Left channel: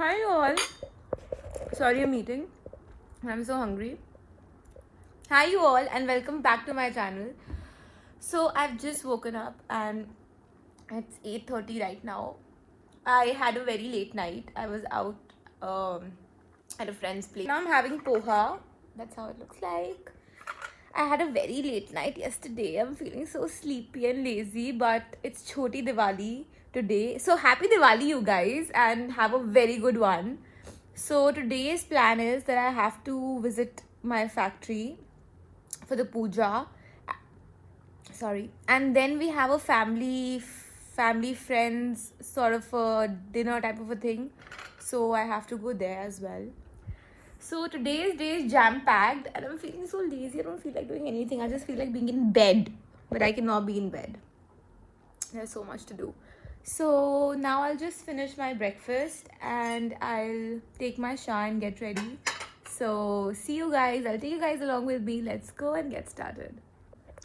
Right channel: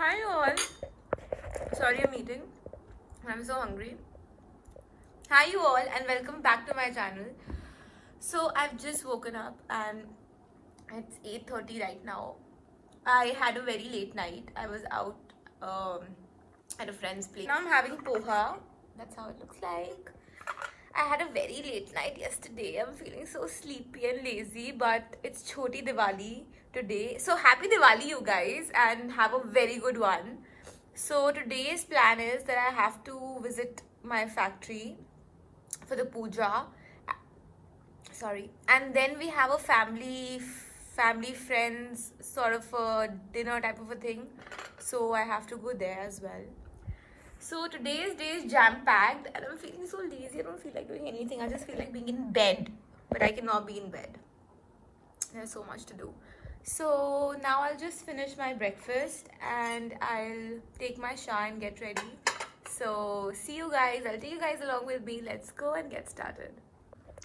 Hi all. Sorry I'm eating. I'm so hungry. Hi you all and welcome back to my channel. So I've just woken up and it's 8:30 right now. I had a very late night. I was out at a friend's place. Now I'm having poha. That's how it looks like. I had a very late night yesterday. I'm feeling so sleepy and lazy, but it's Choti Diwali today. So happy Diwali you guys and have a very good one. So today's plan is that I have to visit my factory for the puja. Sorry. And then we have a family friends sort of a dinner type of a thing. So I have to go there as well. So today's day is jam-packed and I'm feeling so lazy. I don't feel like doing anything. I just feel like being in bed. But I cannot be in bed. There's so much to do. So now I'll just finish my breakfast and I'll take my shower and get ready. So see you guys. I'll take you guys along with me. Let's go and get started.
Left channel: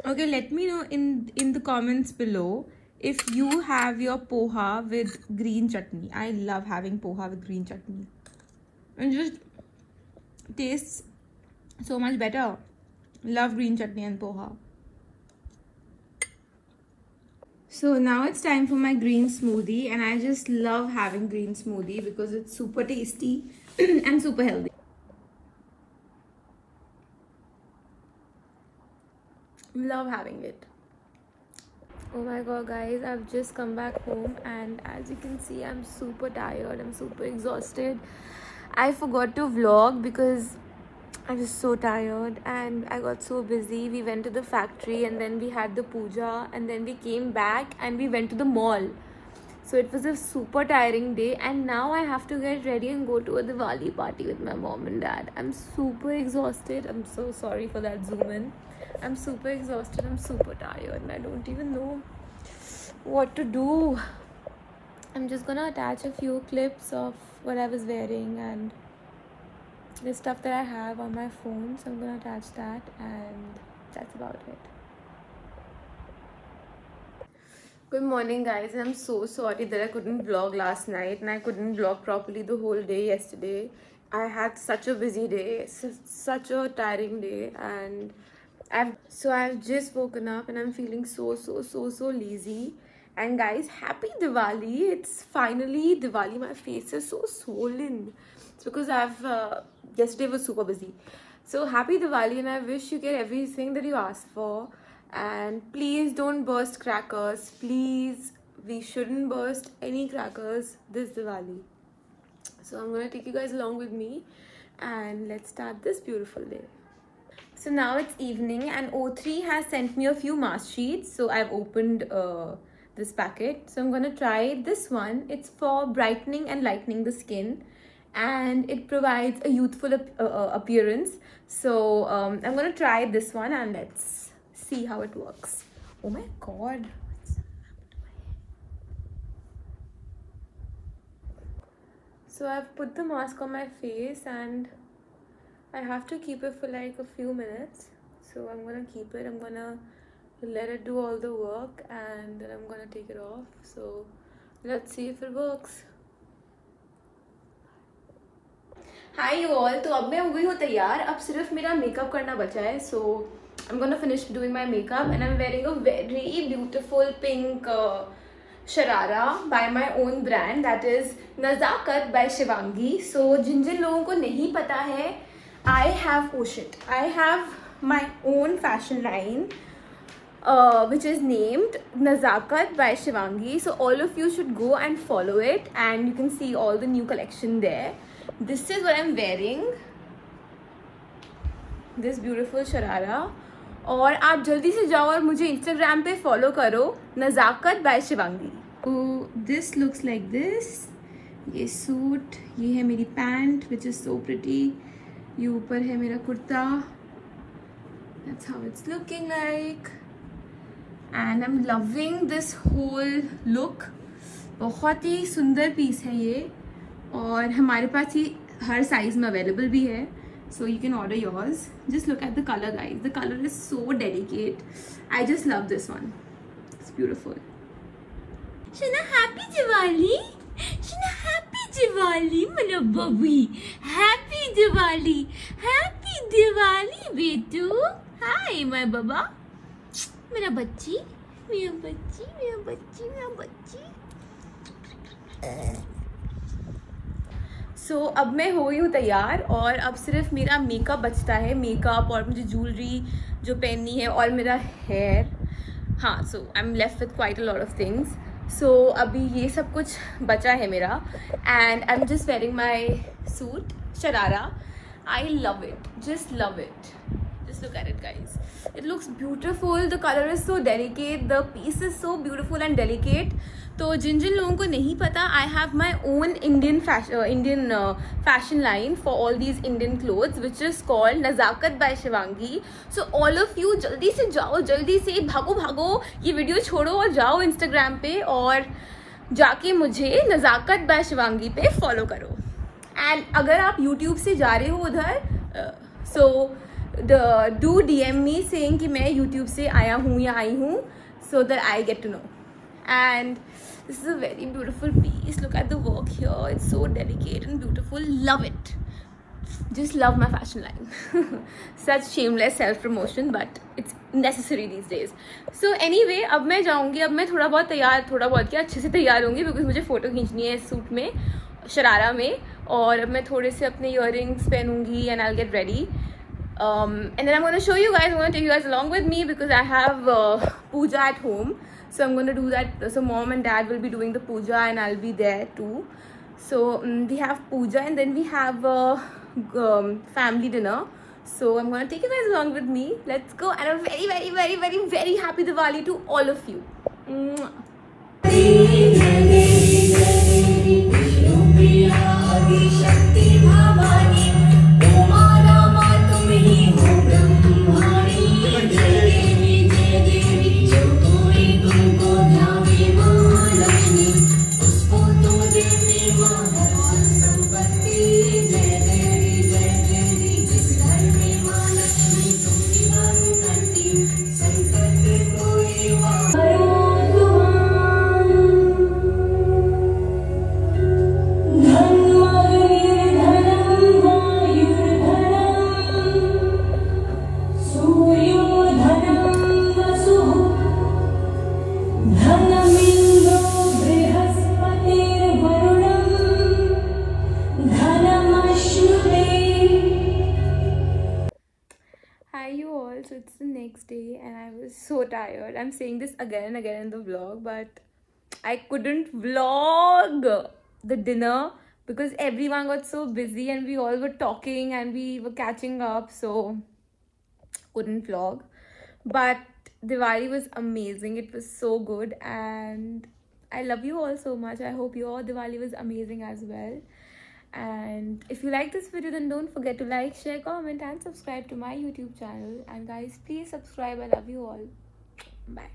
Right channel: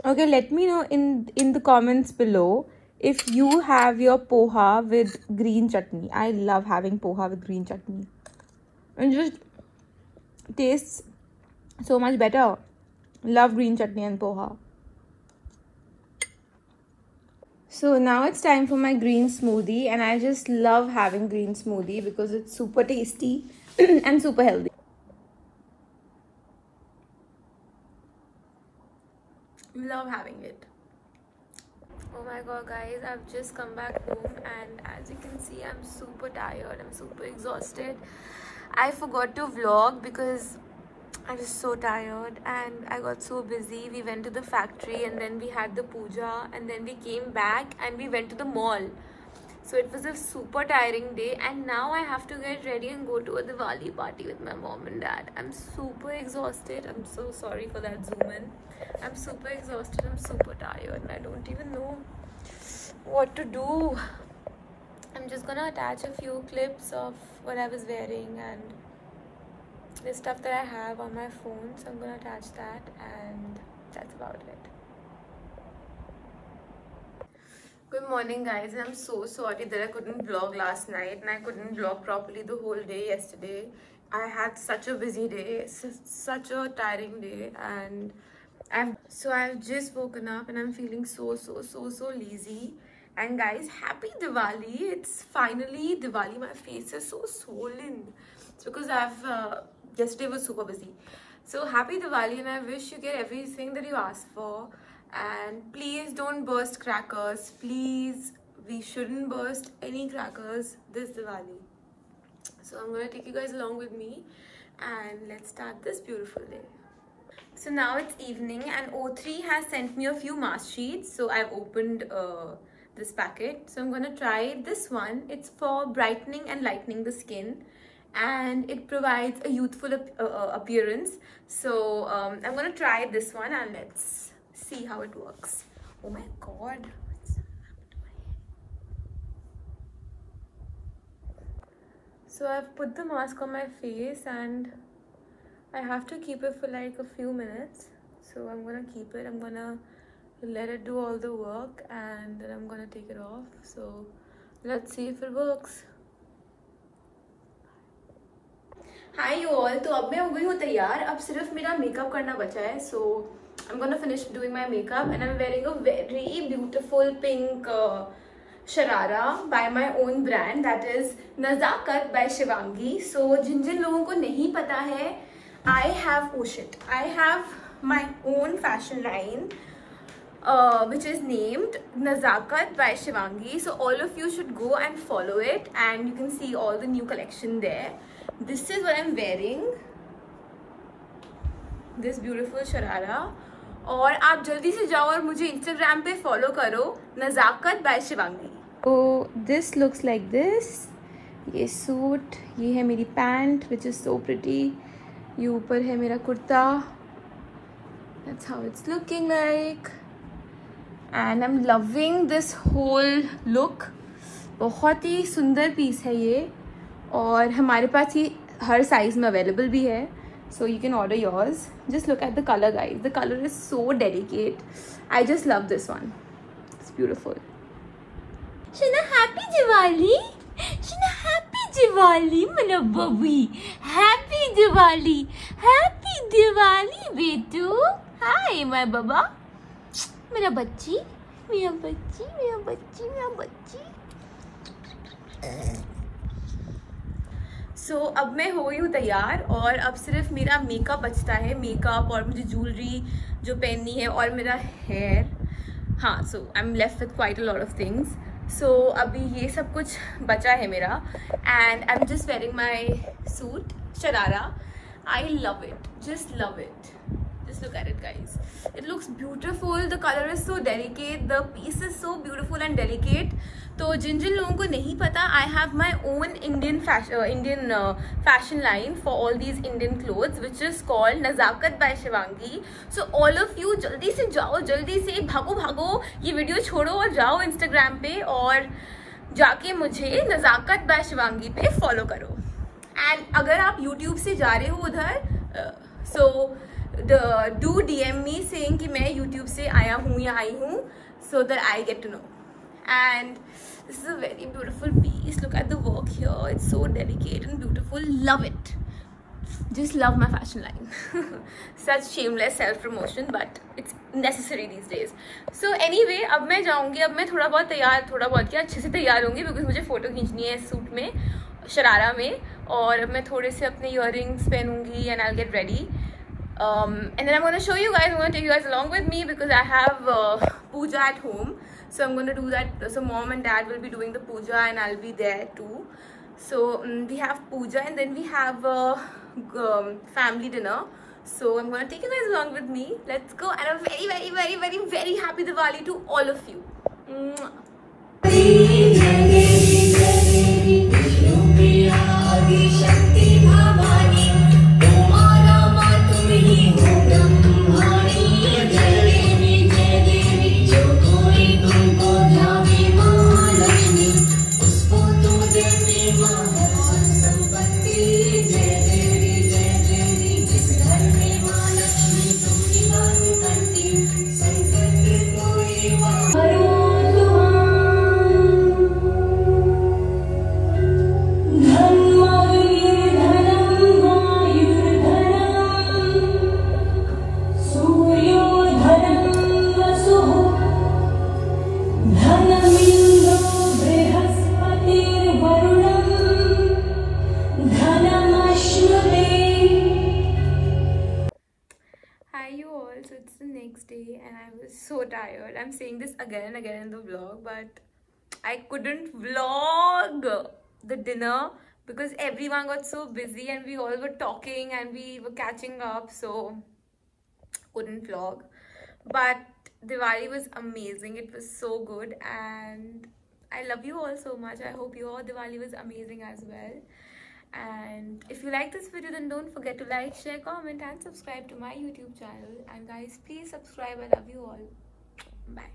Okay, let me know in the comments below if you have your poha with green chutney. I love having poha with green chutney. And just tastes so much better. Love green chutney and poha. So now it's time for my green smoothie and I just love having green smoothie because it's super tasty and super healthy. Love having it. Oh my god guys, I've just come back home and as you can see I'm super tired. I'm super exhausted. I forgot to vlog because I was so tired and I got so busy. We went to the factory and then we had the puja and then we came back and we went to the mall. So it was a super tiring day and now I have to get ready and go to a Diwali party with my mom and dad. I'm super exhausted. I'm so sorry for that zoom in. I'm super exhausted. I'm super tired and I don't even know what to do. I'm just gonna attach a few clips of what I was wearing and the stuff that I have on my phone, so I'm gonna attach that and that's about it. Good morning guys, and I'm so sorry that I couldn't vlog last night and I couldn't vlog properly the whole day yesterday. I had such a busy day, such a tiring day, and I've just woken up and I'm feeling so lazy. And guys, happy Diwali. It's finally Diwali. My face is so swollen. It's because yesterday was super busy. So happy Diwali and I wish you get everything that you asked for. And please don't burst crackers. Please, we shouldn't burst any crackers this Diwali. So I'm going to take you guys along with me and let's start this beautiful day. So now it's evening and O3 has sent me a few mask sheets. So I've opened this packet. So I'm going to try this one. It's for brightening and lightening the skin. And it provides a youthful appearance. So I'm going to try this one and let's see how it works. Oh my god. What's happened to my hair? So I've put the mask on my face and I have to keep it for like a few minutes. So I'm going to keep it. I'm going to let it do all the work and then I'm going to take it off. So let's see if it works. Hi you all, तो अब मैं हो गई हूँ तैयार. अब सिर्फ मेरा मेकअप करना बचा है. So I'm gonna finish doing my makeup and I'm wearing a very beautiful pink sharara by my own brand, that is Nazakat by Shivangi. So जिन लोगों को नहीं पता है, I have my own fashion line which is named Nazakat by Shivangi. So all of you should go and follow it and you can see all the new collection there. This is what I'm wearing, this beautiful sharara. और आप जल्दी से जाओ और मुझे Instagram पे follow करो, Nazakat by Shivangi. So this looks like this. ये सूट, ये है मेरी pant which is so pretty. ये ऊपर है मेरा kurta. That's how it's looking like. And I'm loving this whole look. बहुत ही सुंदर पीस है ये. और हमारे पास ये हर साइज में अवेलेबल भी है. So you can order yours. Just look at the color guys. The color is so delicate. I just love this one. It's beautiful. Shana, happy Diwali. Shana, happy Diwali. Diwali, मेरा बबी. Happy Diwali. Happy Diwali, बेटू. Hi, my baba. मेरा बच्ची, मेरा बच्ची, मेरा बच्ची, मेरा बच्ची. So, अब मैं हो गई हूँ तैयार और अब सिर्फ मेरा मेकअप बचता है. मेकअप और मुझे ज्वेलरी जो पहननी है और मेरा हेयर. हाँ, so I am left with quite a lot of things. सो अभी ये सब कुछ बचा है मेरा. And I am just wearing my suit sharara. I love it, just love it. Just look at it, guys. It looks beautiful. The color is so delicate. The piece is so beautiful and delicate. तो जिन जिन लोगों को नहीं पता, I have my own Indian fashion line for all these Indian clothes, which is called Nazakat by Shivangi. So all of you जल्दी से जाओ, जल्दी से भागो भागो, ये वीडियो छोड़ो और जाओ Instagram पे और जाके मुझे नज़ाकत बाय शिवांगी पे फॉलो करो. एंड अगर आप YouTube से जा रहे हो उधर, so do DM me saying कि मैं YouTube से आया हूँ या आई हूँ, so that I get to know. And this is a very beautiful piece. Look at the work here. It's so delicate and beautiful. Love it. Just love my fashion line. Such shameless self promotion, but it's necessary these days. So anyway, अब मैं जाऊँगी. अब मैं थोड़ा बहुत क्या अच्छे से तैयार होंगी, because मुझे फोटो खींचनी है इस सूट में, शरारा में. और अब मैं थोड़े से अपने earrings पहनूंगी and I'll get ready. And then I'm going to show you guys, I'm going to take you guys along with me because I have puja at home. So I'm going to do that. So mom and dad will be doing the puja and I'll be there too. So we have puja and then we have family dinner. So I'm going to take you guys along with me. Let's go. And I'm very, very, very, very, very happy Diwali to all of you. So it's the next day and I was so tired. I'm saying this again and again in the vlog, but I couldn't vlog the dinner because everyone got so busy and we all were talking and we were catching up, so couldn't vlog. But Diwali was amazing. It was so good and I love you all so much. I hope your Diwali was amazing as well. And if you like this video, then don't forget to like, share, comment and subscribe to my YouTube channel. And guys, please subscribe. I love you all. Bye.